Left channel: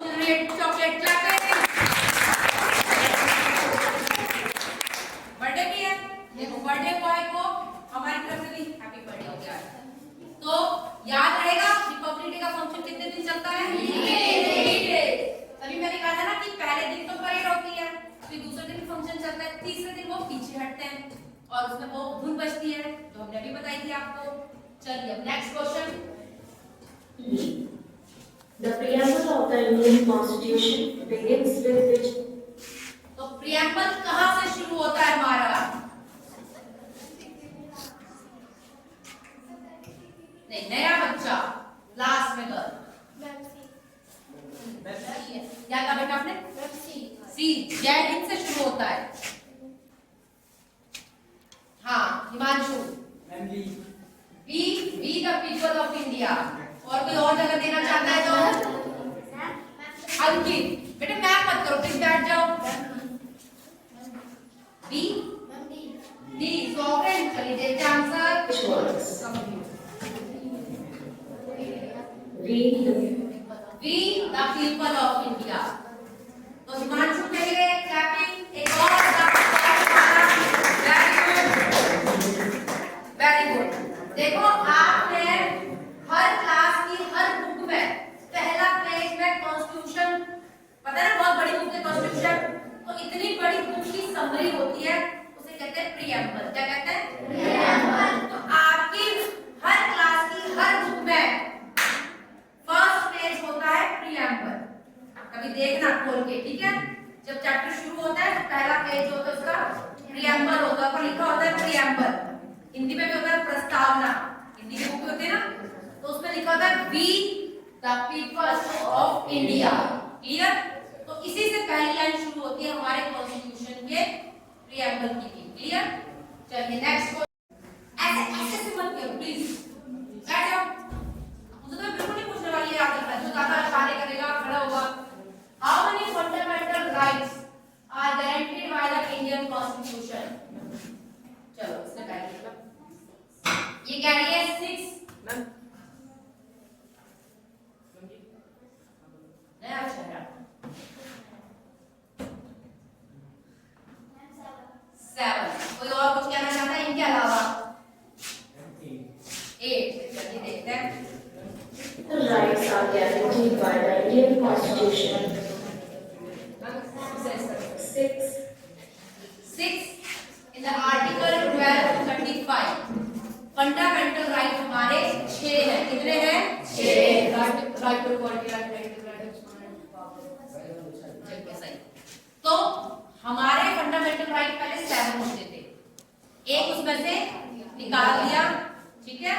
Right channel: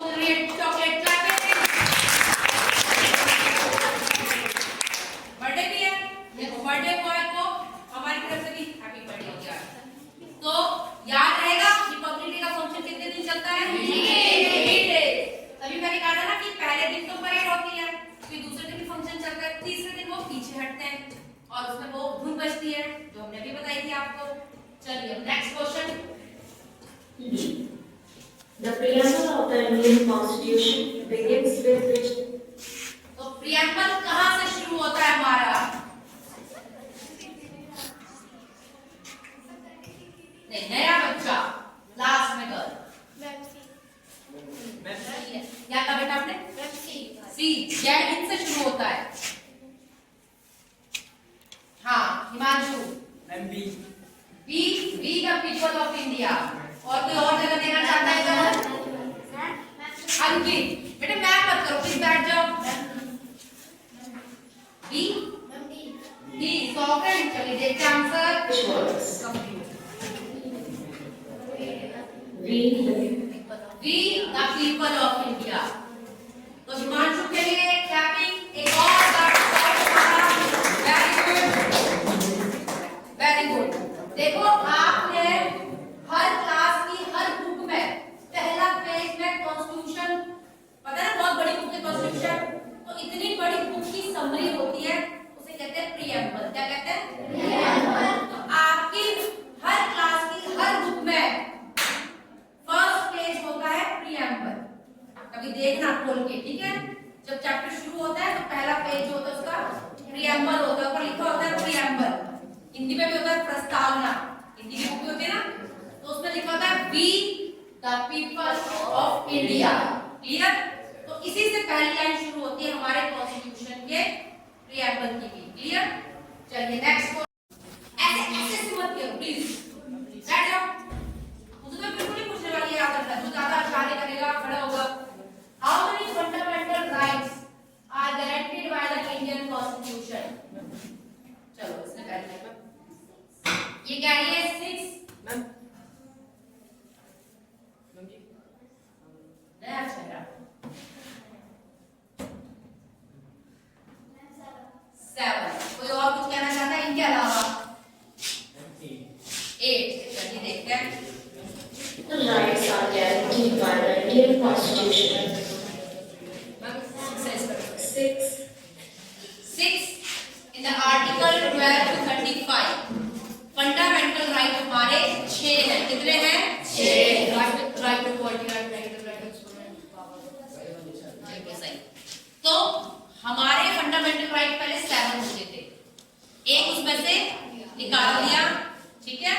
Chocolate birthday भी है, देखो बर्थडे बॉय को हमारी तरफ से भी हैप्पी बर्थडे हो गया। तो याद रहेगा रिपब्लिक डे का फंक्शन कितने दिन चलता है? 3 डेज। अभी मैंने कहा था ना कि पहले दिन तो परेड होती है, फिर दूसरे दिन फंक्शन चलता है, तीसरे दिन वो पीछे हटते हैं और उसमें वो धुन बजती है जो हमने भी बताई थी आपको। चलिए next question. The preamble of the Indian Constitution begins with which? तो प्रियम्बल कहाँ से शुरू होता है हमारा? नहीं, नया बच्चा लास्ट में कर क्या कहा बेटा आपने? सी जय हिंद से शुरू होता है। हाँ Himanshu. Be the people of India. और कोई और जगह देना चाहता है तो अंकित। बेटा मैप मत करो, प्लीज बैठ जाओ। Be sovereign. चलिए देखते हैं answer. We the people of India. तो हिमांशु के लिए क्लैपिंग। एक और वेरी गुड। देखो आपने हर क्लास की हर बुक में पहला पेज में कॉन्स्टिट्यूशन, पता है बहुत बड़ी बुक है कॉन्स्टिट्यूशन, तो इतनी बड़ी बुक की समरी होती है, उसे कहते हैं प्रीएम्बल। क्या कहते हैं? प्रीएम्बल। तो आपकी हर क्लास की हर बुक में फर्स्ट पेज होता है प्रीएम्बल। कभी देखना खोल के, ठीक है? जब चैप्टर शुरू होता है तो पहला पेज होता है उसका प्रीएम्बल होता है, ऊपर लिखा होता है प्रीएम्बल। हिंदी में भी होता है प्रस्तावना, हिंदी की बुक होती है ना, तो उसमें लिखा होता है we the people of India. Clear? तो इसी से पहली लाइन शुरू होती है हमारे कॉन्स्टिट्यूशन के प्रीएम्बल की भी। क्लियर? चलिए नेक्स्ट। ऐसे मत करो प्लीज, बैठ जाओ। मुझे तो बिल्कुल नहीं पूछने वाली याद करता है, जो ज्यादा इशारे करेगा खड़ा होगा। How many fundamental rights are guaranteed by the Indian constitution? चलो इसने कर लिया। ये क्या है? 6 नया चेहरा 7। कोई और कुछ कहना चाहता है इनके अलावा? 8। चलिए देखते हैं। The rights are guaranteed by the Indian Constitution. 6 in the article 12 to 35 fundamental right हमारे 6 हैं। कितने हैं? 6। Right to equality, right to सही। तो हमारे फंडामेंटल राइट पहले 7 होते थे, एक उसमें से निकाल दिया, ठीक है?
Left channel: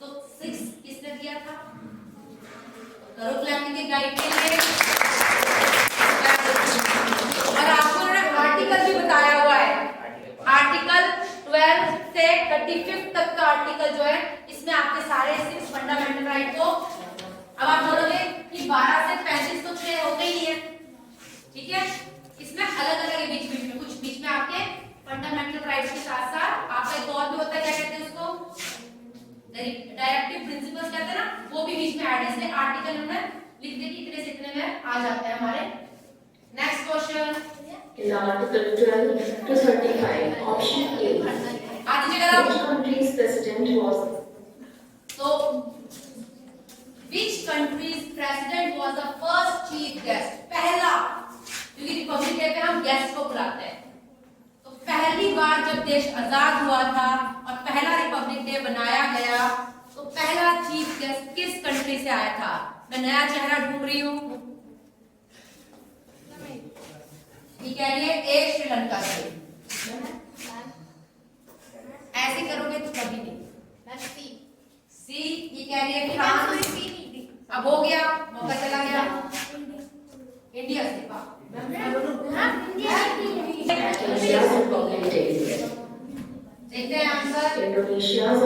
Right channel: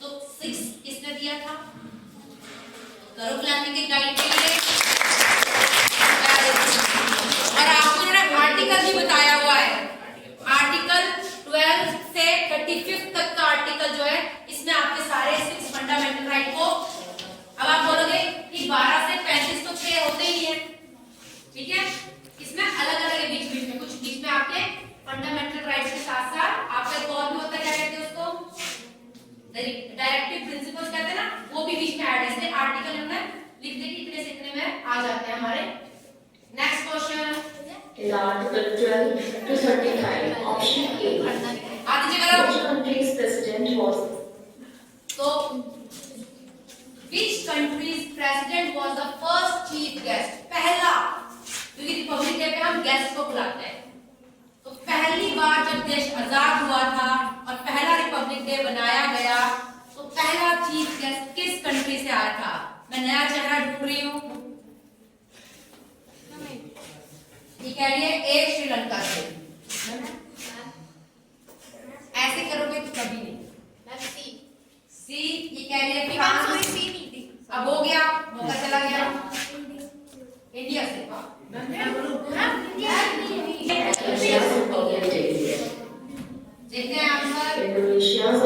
तो 6 किसने दिया था? तो करो क्लैपिंग के गाइड के लिए। और आपको ना आर्टिकल भी बताया हुआ है, आर्टिकल 12 से 35 तक का आर्टिकल जो है, इसमें आपके सारे 6 फंडामेंटल राइट को, अब आप बोलोगे कि 12 से 35 तो 6 होते ही है, ठीक है? इसमें अलग अलग है, बीच बीच में कुछ, बीच में आपके फंडामेंटल राइट्स के साथ साथ आपका एक और भी होता है, क्या कहते हैं उसको? डायरेक्टिव प्रिंसिपल्स कहते हैं ना, वो भी बीच में ऐड है। इसलिए आर्टिकल हमने लिख दे कि इतने से इतने में आ जाता है हमारे। Next question. In Article 12 to 35, Option A. आधी जगह Which country's president was? तो which country's president was the first chief guest? पहला, क्योंकि रिपब्लिक डे पे हम गेस्ट को बुलाते हैं, तो पहली बार जब देश आजाद हुआ था और पहला रिपब्लिक डे बनाया गया, तो पहला चीफ गेस्ट किस कंट्री से आया था? मैं नया चेहरा ढूंढ रही हूँ। ये कह रही है एक श्रीलंका से। ऐसे करोगे तो कभी नहीं। सी ये कह रही है फ्रांस। अब हो गया, मौका चला गया। इंडिया से देखते हैं आंसर। Indonesia's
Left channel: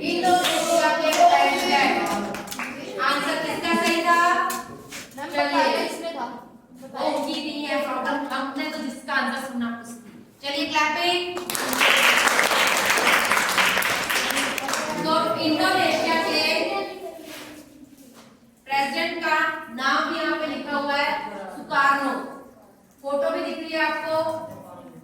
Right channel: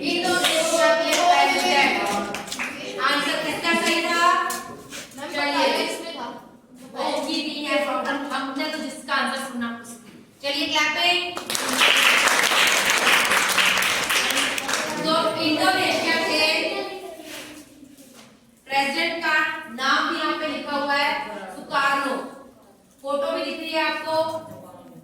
इंडोनेशिया के प्रेसिडेंट। आंसर किसका सही था? चलिए ये भी है प्रॉब्लम, हमने तो जिसका आंसर सुना उसकी। चलिए क्लैपिंग। तो इंडोनेशिया के प्रेसिडेंट का नाम भी यहाँ पे लिखा हुआ है, फोटो भी दिख रही है आपको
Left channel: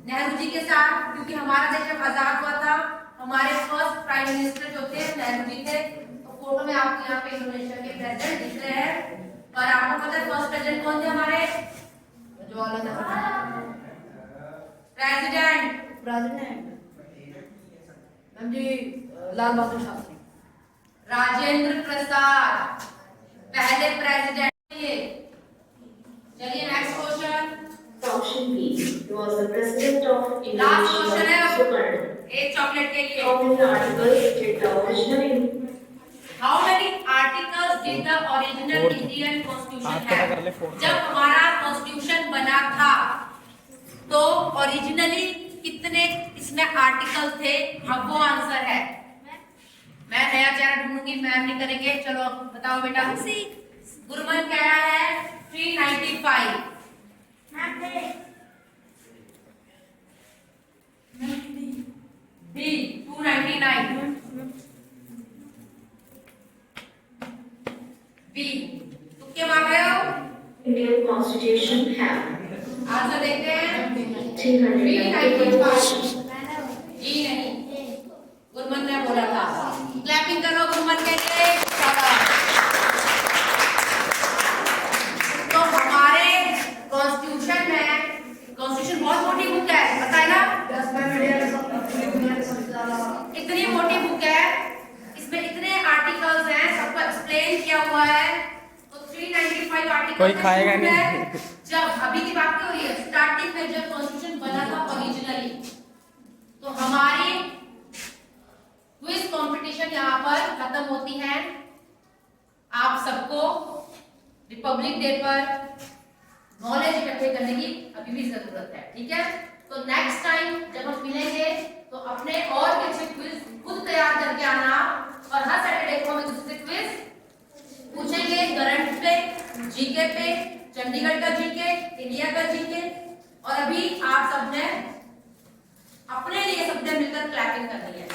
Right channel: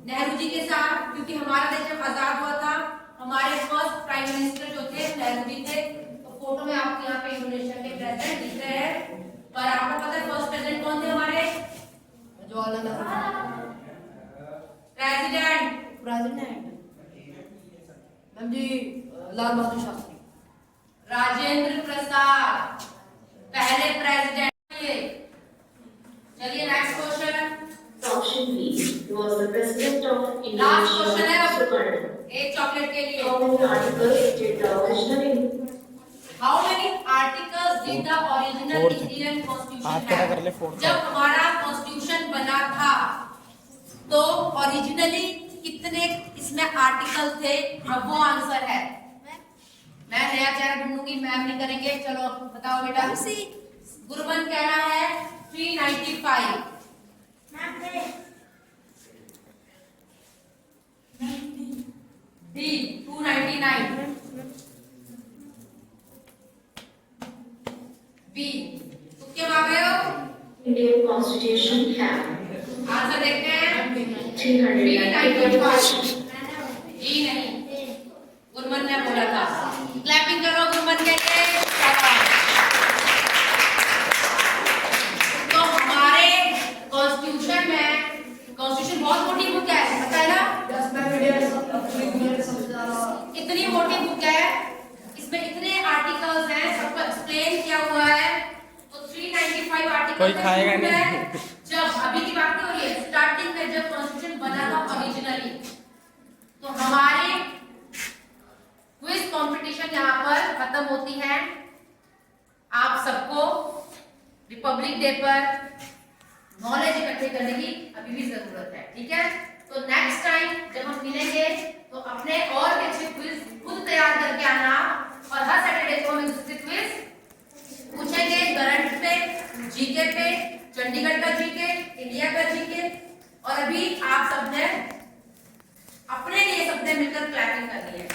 नेहरू जी के साथ, क्योंकि हमारा देश जब आजाद हुआ था हमारे फर्स्ट प्राइम मिनिस्टर जो थे नेहरू जी थे। तो फोटो में आपको यहाँ पे इंडोनेशिया के प्रेसिडेंट दिख रहे हैं। और आपको पता है फर्स्ट प्रेसिडेंट कौन थे हमारे? जवाहरलाल नेहरू प्रेसिडेंट। लाल बहादुर शास्त्री, राजेंद्र प्रसाद पहले प्रेसिडेंट। चलिए next question. Option B was the president of last question है Indonesia. एक चॉकलेट के लिए। How many articles did the original How many articles did the original Indian Constitution have? जब हमारा कॉन्स्टिट्यूशन बना था तो ओरिजिनली कितने इसमें आर्टिकल थे? अब वो आंसर है। मैं नया चेहरा ढूंढूंगी, मैम नहीं करेंगे। चलो बताओ बेटा। गुरमन कह रहा है 395। डी 299। बी तुक्के मार रहे हो? Indian Constitution have आंसर देखते हैं। 395. जी नहीं, गुरमन ने बोला था। क्लैपिंग करो गुरमन के लिए। शाबाश। तो हमारे कॉन्स्टिट्यूशन में, कॉन्स्टिट्यूशन बहुत मोटी बुक है, पता है ना? इतनी मोटी बुक है, इसमें इतने आर्टिकल्स हैं, सबको एक्सप्लेन किया हुआ है। तो 395 आर्टिकल कोई खाएगा नहीं। जब अभी की बात नहीं हो रही है, स्टार्टिंग में जब कॉन्स्टिट्यूशन बना था ओरिजिनली, तो हमारी क्विज कंपटीशन यहाँ पर खत्म होती है। आप सबको रिपब्लिक डे पर नॉलेज इकट्ठे करने की अभी भी जरूरत है, ठीक है? तो नेक्स्ट टाइम जब हम मिलेंगे तो अपने और अच्छे क्विज खुद तैयार करके आना। और हर सैटरडे को हम इससे क्विज पूछेंगे, करंट पे, जीके पे, चंडीगढ़ का जीके, इंडिया का जीके। और अभी आप सबने अपने लिए सबने मिलकर क्लैपिंग करनी है।